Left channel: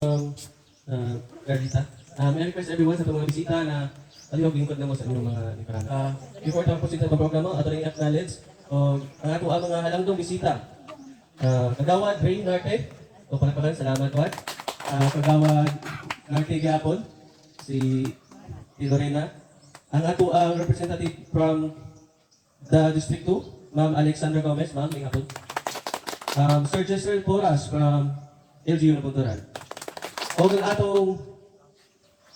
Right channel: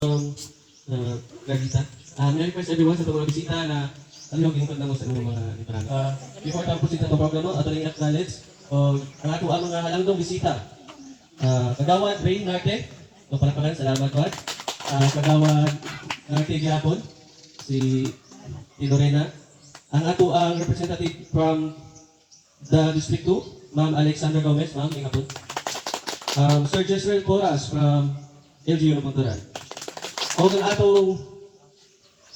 Gagita. May request everyone sa mga bisita na alilog lingkod na mo sa inyong mga liparan. Before tapos ito itong programa, ato rin acknowledge o ang ato ang mga halangdong bisita. Kagawad Ray Narte, o palapakan, salamat Wad. Kagawad Narte Giapon, si Lorena. Ang ato ang representative from the District 2, Ma'am Alexandra Gomez, Ma'am, ingapon. Sir Jezreel Porras from LGU na Punturan. O ang atong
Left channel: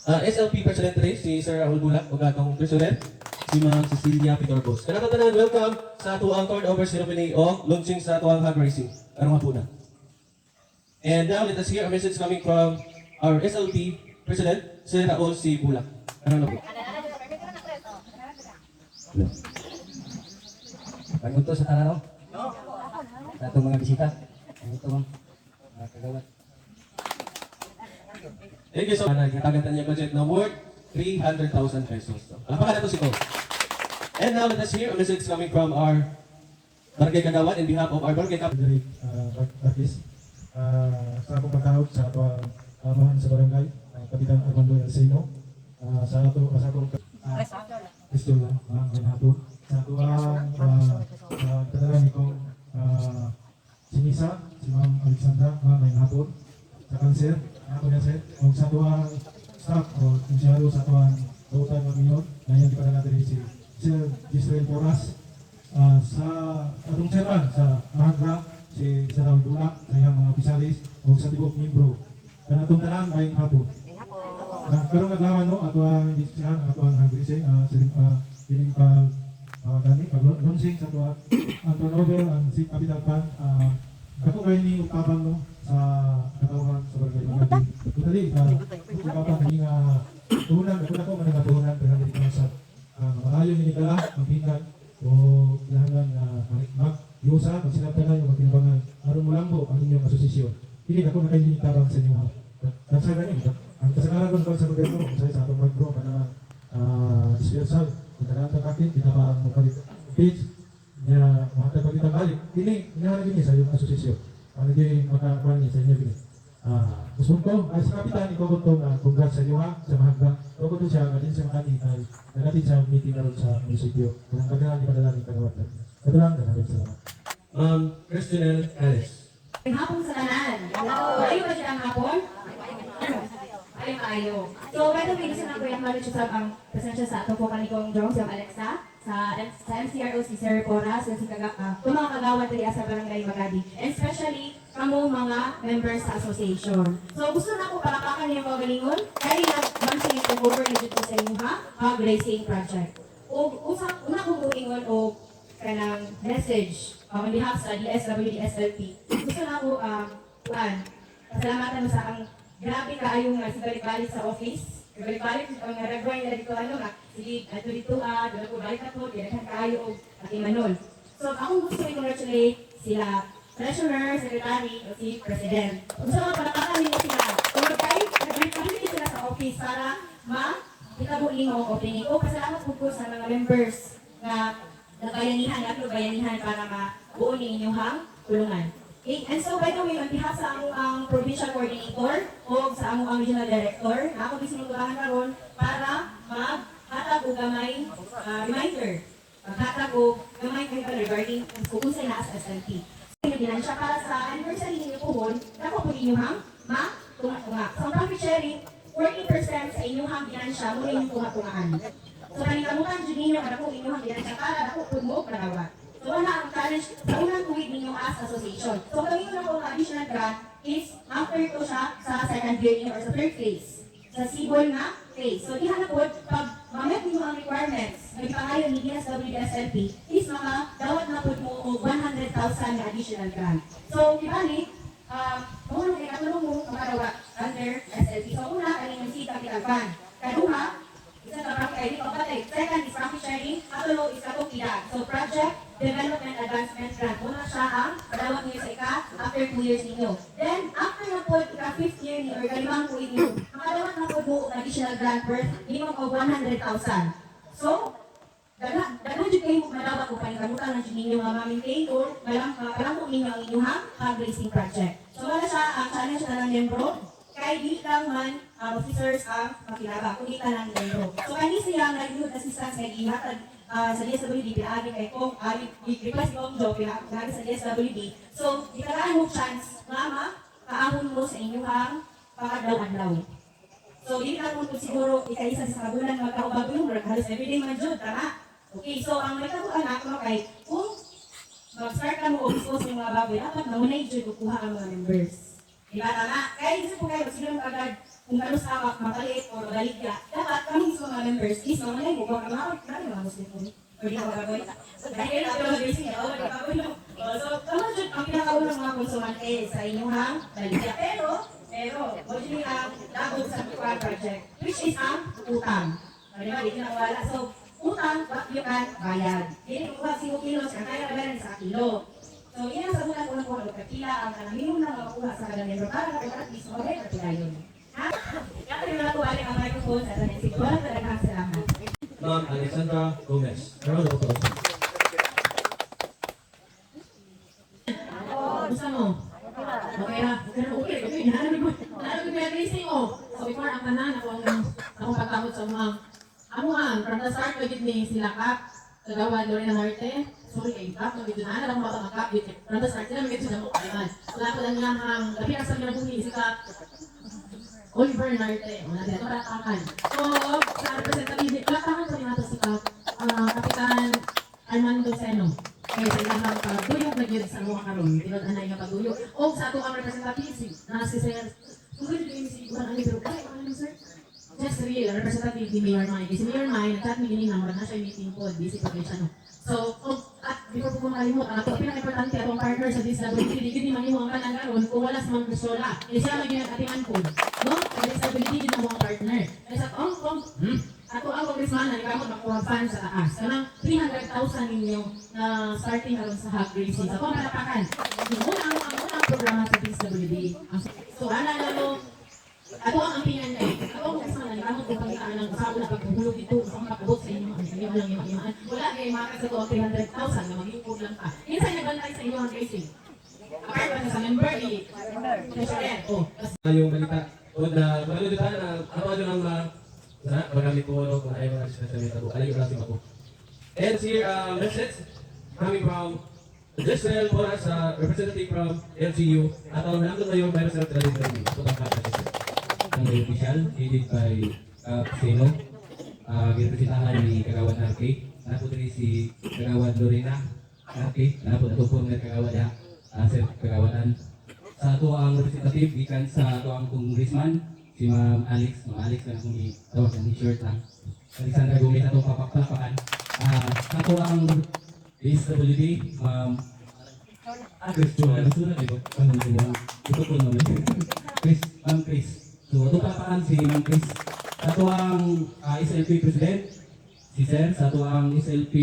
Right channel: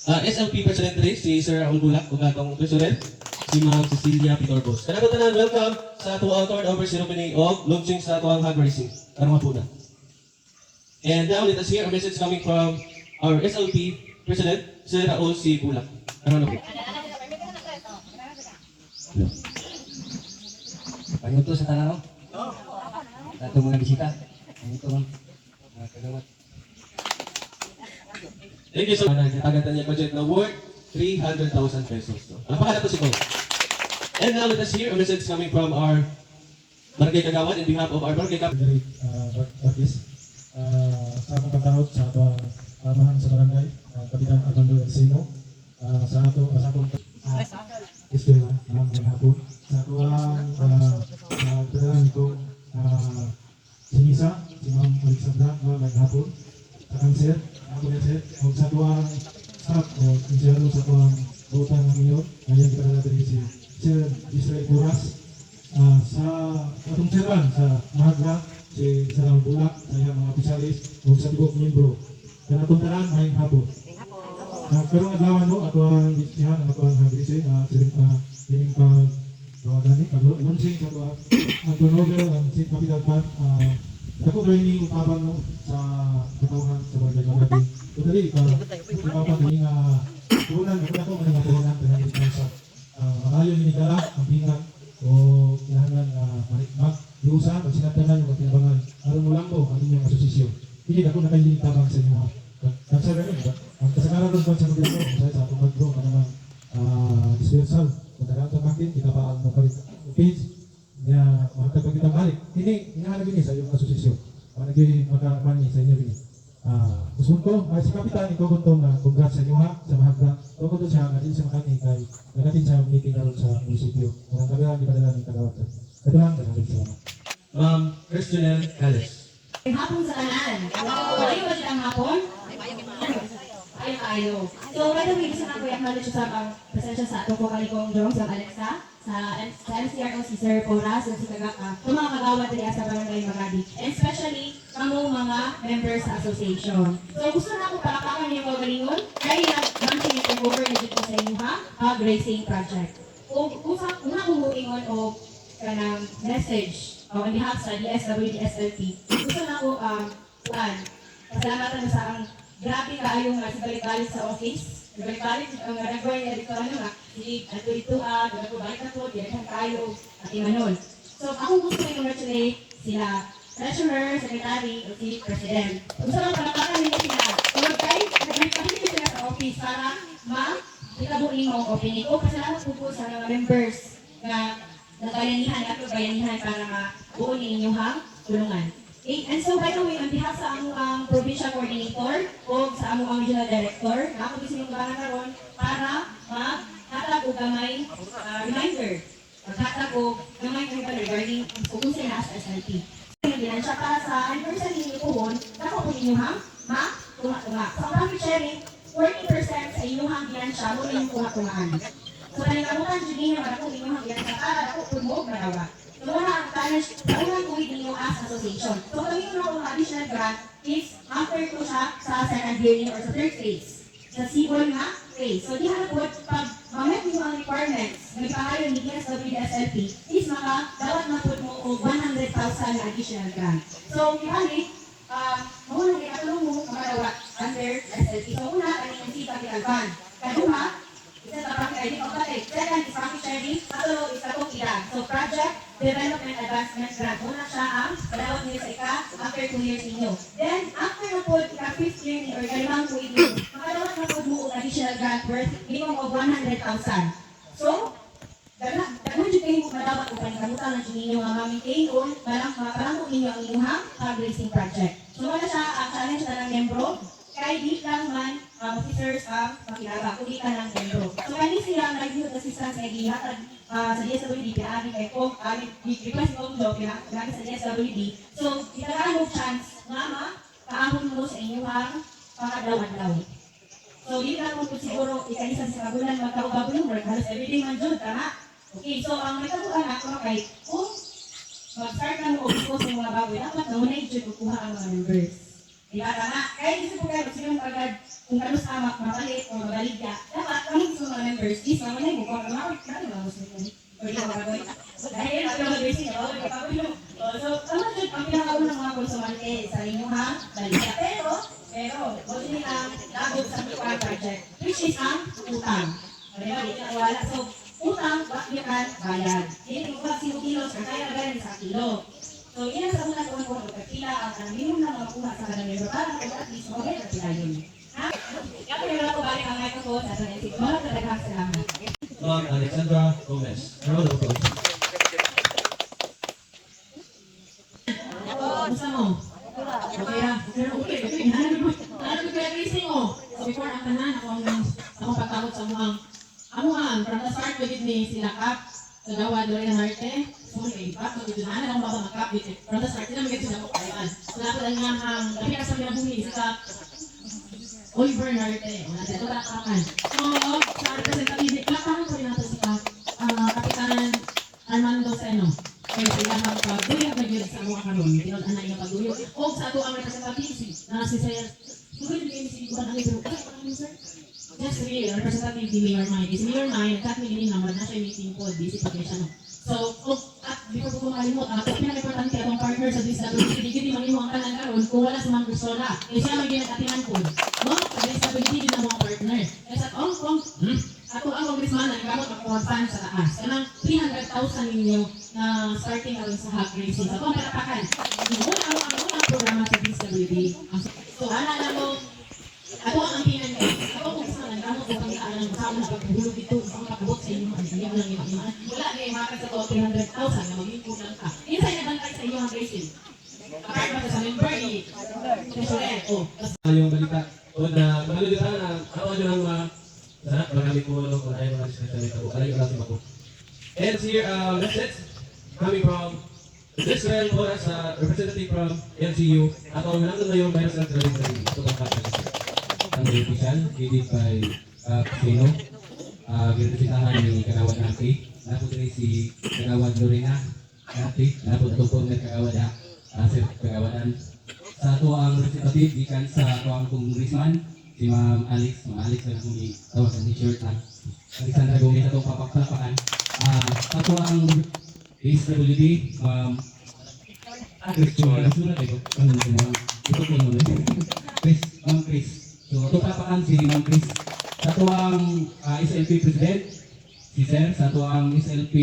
SLP President rin, si Sir Raul Bulak, o atong President, si Ma'am Cecilia Pitorbos. Kanato tanan, welcome sa atuang turnover ceremony o launching sa atuang hog racing. Karong mapuna. And now let us hear a message coming from our SLP President, Sir Raul C. Bulak. Karong mapuna. Pagluto sa tanaw. Sa itong mga bisita. Itong kagawad. Thank you so much. Nagkatagan niya budget na worth 300,000 pesos. Napakala to si Paul. And now let us hear a message coming from our Barangay Kagawad in behalf of our Barangay Kagawad. Artist. Sa akong pagkahod sa ato pamahan sa barangay, Kapitan Armando Encino. Sa akong history lang, mga hapon. Sa ato ang kadalan itong sinisa, si Ma'am Alexandra, mga hapon. Sa cancer, ako na sir, o sa ato ang staff, o sinsiyaro sa ato ang butang ng iyon, ngayon kita na natin si Sir Israel Porras. Sa atong chairman sa Mahagna, si Sarang Bulak, sa iyang mga opisyalis, o sa tibok membro. Kaya itong tanan, may hapon. Pero naglawan mo, ato ang isihan, ato ang hagrise, siling pag-launching sa ato ang turnover, ang St. Capital Fund. Ako kayo ni upapang no, sa katawan sa barangay Magadi. Totally, upapang na yung tuhunan, ako na ito, maning tuhunan, kaya hindi sa maayo yung nigala, ang pingan, o kailangan manikmak, iusa, pag sinatanan yung magpinabangan, aron mo lang po ang inyong asosisyon. Hindi ako na kayo tabang sa inyo. Sabi rin, kasagaran doon sa gobyerno, kasi sa atong mag-bro, naman, dispensal, kung nakanto natin, kita pa ang mapalit page, na makatagpag kitang balik. Ini, inahalagin niya sa iyong asosisyon. Ang naging magkakakuan niya sa inyo rin. Gusto ko, si Kapitan, ikaw gusto na congrats sa inyo ha, sa Mahagda. Ikaw gusto siya, natin sa makaning ay nagatin sa meeting na rin sa munisipyo. Kung kagalan, di pa nila ng kagawatan. Ito lang, natin salamat. Christian Alice. Hapon sa kanan. Ayaw ba siya ang hapon? Ayaw kayo. So, by the way, gusto na ko i-acknowledge sa presensya sa atong kumalikong Jong, sa Alexa, sa MCRO, si Sir Porras, si Kagaka, yung mga kagawad rin sa Barangay Magadi, and especially kamo mga members sa association. So, gusto na ako palapakan niyo mga galingon, kaya nag-launching and take-over na dito sa inyo ha, hog racing project. Una kong buingon o kanang message on behalf sa DSWD SLP, gusto na ako, pasalamatan sa ang grabe kaayong balik-balik sa office. Balik-balik, ang nagagawin niya dito, hindi dito, balik na po, di na kayo, at imanon. So, akong gusto i-congratulate sila, treasurer, secretary, o si president. Gusto lang palakakan nila sila. Or guys, nag-balik sila sa office para itabuin mo opinion ko. Pasalamat po sa mga members na nagbayanihan at bayanihan para mabuo niya inyong tulungan. And so, by the way, on behalf sa among provincial coordinator o sa among regional director, ako bisa niyong kutangan karon para maghatag o gamay reminder. Maghatag o gamay kayo regarding kung unsay na sa SLP. Hindi siya para sa anniversary ninyo pohon, ako po ninyo tunga-tunga. So, ang profit sharing, 40% sa inyong ginansya mo yung tunga-tungaan. So, paningkamutan, Junino, ako inyong ginansya para ako pulmog madawa. So, ang challenge, ang kuwit ninyo as association. So, kami yung mga additional grant is after ko siya sa second year or sa third phase. Sa C1 nga phase. So, di halapod, pag mamit yung mga requirements, may pangayon ni DSWD-SLP, is dawat na po mo o 100,000 additional grant. So, kibali, muna rin ako mo kamadawat under SLP. So, una, kanina si Capital Fund. Kaduma, isa sa profit sharing o patay. Second is profit sharing, katulong is katong idag. So, project development advancement grant. Muna siya ang padawat niyo sa after 2 years ninyo. Then, after yung po, ika-5th year niyo or kalimang po inyo, makadawat na po mo additional grant worth minimum of 100,000. So, dalawa dyan kayo madawat o panikamutan na dyan ninyo ma-maintain or malang po ninyo ang inyong fundraising project. So, wala siya ang challenge na ng membro kay di lang man officers ang makinaba, kundi ka ng membro. So kani siya nag-youth assistance na ihatag sa DSWD, pinaamin kay Kong, request Kong do, pinaamin sa DSWD. So, ikalaan mo chance, nga paahon mo sa inyong pakadlaw-adlaw. So, hindi ka kung siguro ikaisa sa kagulan magkaubago yung work, halos everyday man dyan, tama? Okay, so ang may anak mo kay, kung mag-start ka mo o gusto sa mga baboy, dapat na muna i-join kukuha ang mga members. Diba, tama? Kaya isip ko kayo, sige mo agad, kung kalos tamak, mapalit o mabaligya, dapat kami sa mga members, is na muna yung kukuha, marami lang gusto ko. Pwede ako gagawin. Dahil ako mag-racing, ako magkakaroon lang. So, kamo dyan, ang pinakaunang mga konsumante sa inyong baligya. Pero, huwag nyo nilang lagod sa PUA project, which is ang utang. Diba, hindi na wala. So, utang, bakyakan, bayad. Hindi ko ba kilo, kaya na sa kilo. So, yan ang sabunan ko kung magkakila ang minimum na makuha sa kanang member para at least okay na pilayin. Ha? Kaya ko yung balik ang microphone sa sanay. Wala ka naghang salamat. Ma'am Alexandra Gomez. Ano na po? Basta mo? Okay ha? Pero okay. Nahanap ko yung racing mo. So, before ang tanan, akong pagtakot sa mga from the start, pwede ni sila Kap, Kagawa, Lorena Marte, sorry, Kap, magkitunahan, akong baka mag-Kap dito. From the start, sila may sila ko kailan. Wala ko lang yan ang, labi asam minabuhi, sila Oliver Marte, wala sila, ito ratakan. So, sa representative, ratakan ko rin natin sila, Kapitan Armando Seno. Kaya sila ng pag-duyog na yun sa mga karon, tinag-anay nga pag-duyog. O sa ato ang representative, na si Sir, kung ganun kayo si Iguan, ang pero kaya, ano sir? Just real, representative ni Mayor Mine. Si Mayor Mine, nagkatiling naman na siya meeting po, busy pa siya, no? So, before ko makalimut, ito pinaka-importante atong partner sa DSWD, hindi mangimu ang kanan karon kung wala sa mga Gustola. Eh siya may ginag-atiman po. No? Sa DSWD din ang mga partner. Kaya sa ako ang congressman na nagkamot makuwasan sa taas. Kanang 300,000 ninyo na starting alam sa hog racing. Sa kung palakakan, ang programa sa DSWD. So, ako ang ampingan niya. Ako ang gusto na nagkamot kung pagkitaan ng kasama na pagbuhulog dito. Ako makabot sa inyo. Ang lang yung wala kayo makakit sa 300,000 na maging kulang ka. Isa yung nabantay sa inyo ang racing. Apart pa sa member, president. Yung balita. O na, mahalo kita na, ano ang marami po kung ayaw mga sinasalita ko. Aling yung ako. And here, message coming from Israel Boras, representative from LGU. At ang nandun ngayon, by the Central Israel. Ito ang kapit. Ang may official, headed by Casino. Ginapitahan ni Kagawad Naki. Napot rin si Kagawad Lorena Naki. Napot ito po ng Kagawad Sir Kagawadan. Sa ito ang representative, ikan sa ito ang congressman, si Ma'am Alex. Ma'am Alex lang kung itawag sa t-shirt lang. Alexandra Gomez itong papakpakan. Sa ito ang DSWD, Ma'am Ma'am Chris. So, ito papakan si Ma'am Chris. Sa ito ang SLP President, si Sir. Sa ito ang SLP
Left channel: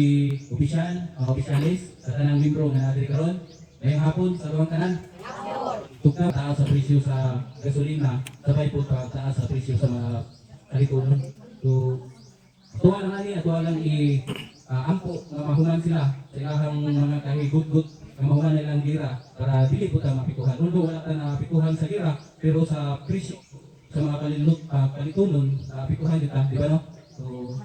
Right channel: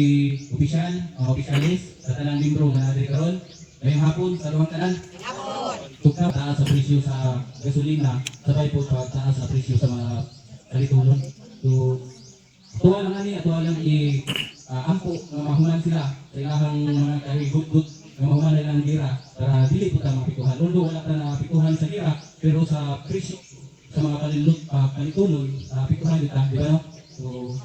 Official, Officialist, sa tanang membro na natin karon. Ngayong hapon, sa luwang kanan. Tukta, taas sa presyo sa gasolina, sabay po taas sa presyo sa mga kalitunan. So, tuwa lang natin, tuwa lang ampo na mahuman sila sa ilahang mga kaigot-gut na mahuman nilang gira para dili po tayo mapikuhan. Although wala tayo napikuhan sa gira, pero sa presyo, sa mga kalitunan, napikuhan dito, di ba no? So,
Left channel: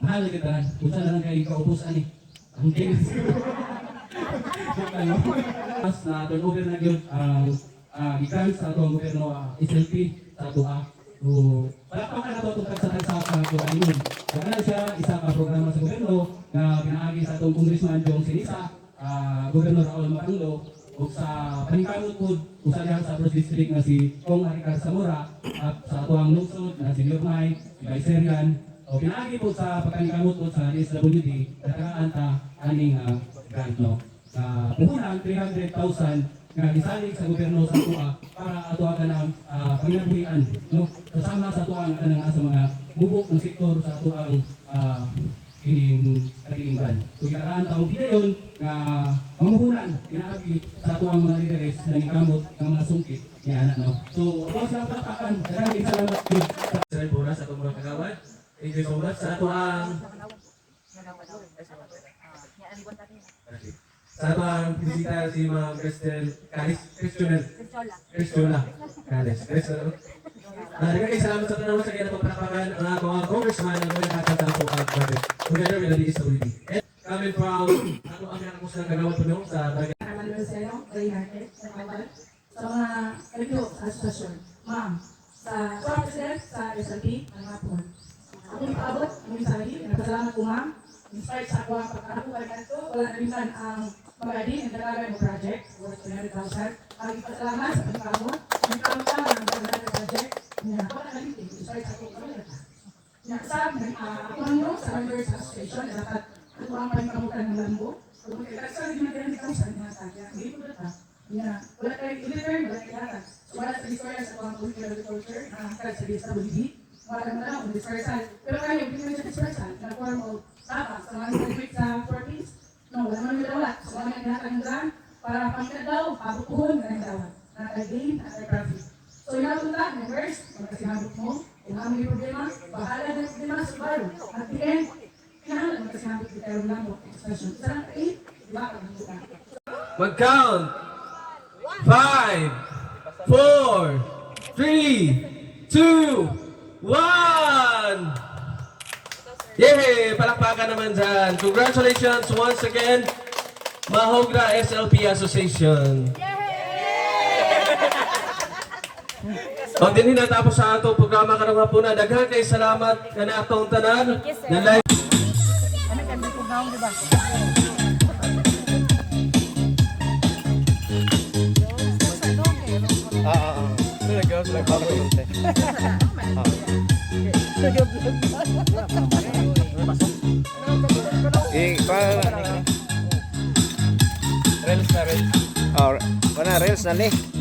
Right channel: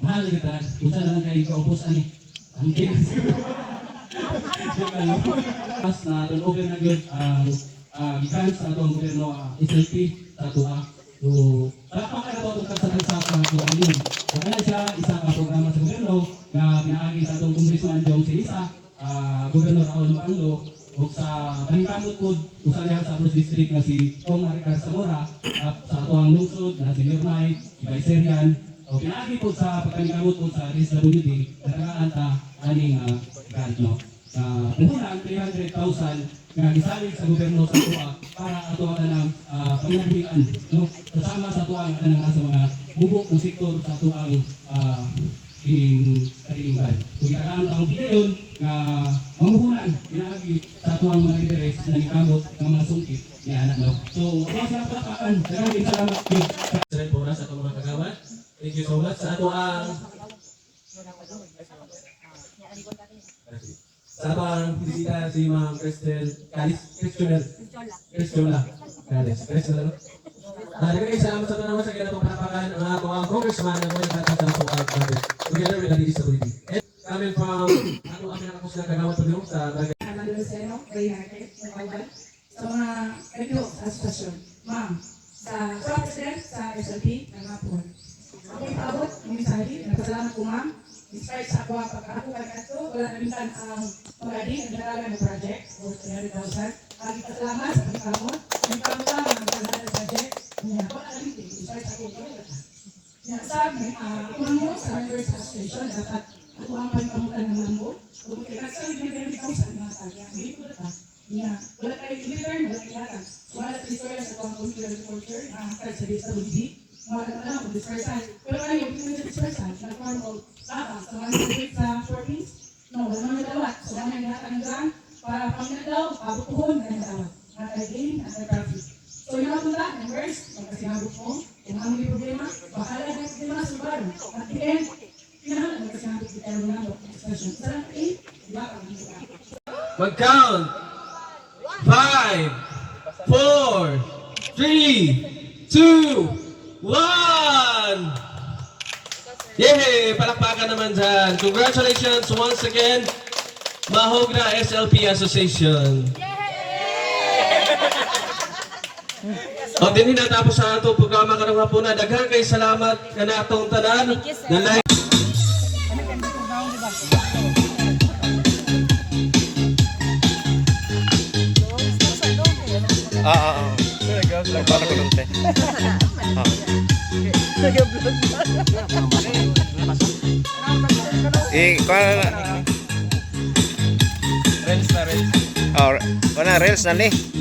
mahal dito, punta na lang kayo kaubusan eh. Ang tinas. Mas na turnover na yun gikan sa atong gobyerno SLP sa ato so palakpakan na ito itong kagsatan sa kuhaan yun. Wala na siya isang programa sa gobyerno na pinaagi sa atong congressman Jong Sinisa, gobyerno Raul Manglo o sa paningkamot po usa niya sa first district na si Kong Aricar Zamora at sa atong lungsod na si Lirmay, si Baiserian o pinaagi po sa paningkamot po sa SWD nagkaan ta aning grant no. Puhunan 300,000 na gisalig sa gobyerno sa tuwa para atuwa ng panginabuhian no kasama sa tuwa ng sa mga bubok ng sektor sa tuwa kahilingan. So ilaan taong videon na mamuhunan ginaagi sa tuwang mga lideres na nikamot ng mga sungkit ni anak no. So ako sa pagkakaan maraming salamat sa Israel Boras sa itong mga kagawad. Thank you so much sa tuwang sa mga bisita si Ma'am Cristel Calis, Cristola Calis. Nagkakaroon salamat sa tanong sa kanya na pagpapakan ang mga congressman na mga katatanong po ang government. Together with the DSWD. And coming from, ako ang pinakapos ng kagawad po doon sa dagat. Armando Rosero, Bay Market, Nagawal, sa mga review sa asosasyon. Ma'am, sa President, sa SLP, ng mga po. Ako yung paabot, ng mensahe, nagpasalamat ko ma'am. Inspired sa ako ang pagkakaroon ka rin ito. Wala namintan ang magaling ang nalaman ng project, worth 300,000. Ang ipasalamat sa pagkakaroon, ang karutan ng nalaman ng project. Wala namintan, inspired sa ako ang sabi, ako nyo sa members association, dapat ako ang panikamutan ng lambo. Kung ikakasabi na kayo ng sa mga tagya, hindi ko ba wala tayo i-return, wala kailangan. Wala sa historia sa mga community agriculture, kahit sa DSWD, wala na o dispersan. Pero ano yung pinag dispersan, nag-form of tabang sa mga nag-wait sa 14s, no, wala naman yung dawat. So, mga nag-aatan ng grant, para pamilya daw, pabukuhon na yung dawat. Nakaligain, nakalitraffic. So, yun ang mula, members, magkasinabot mo, kung ano yung problema, bahala na yung problema sa baro. At the end, kinahalan magkasinabot di kayo na mo, expression. Sarang 8, diba, kami ito ka. Mag-count. 5, 4, 3, 2, 1. Yay! Palakpakan naman dyan. Congratulations once again, Mahogra SLP Association. O din natapos sa ato programa karong hapon na daghang kay salamat kana atong tanan na live. Para ko nung te. Reels na reels. Oh, reels na ni.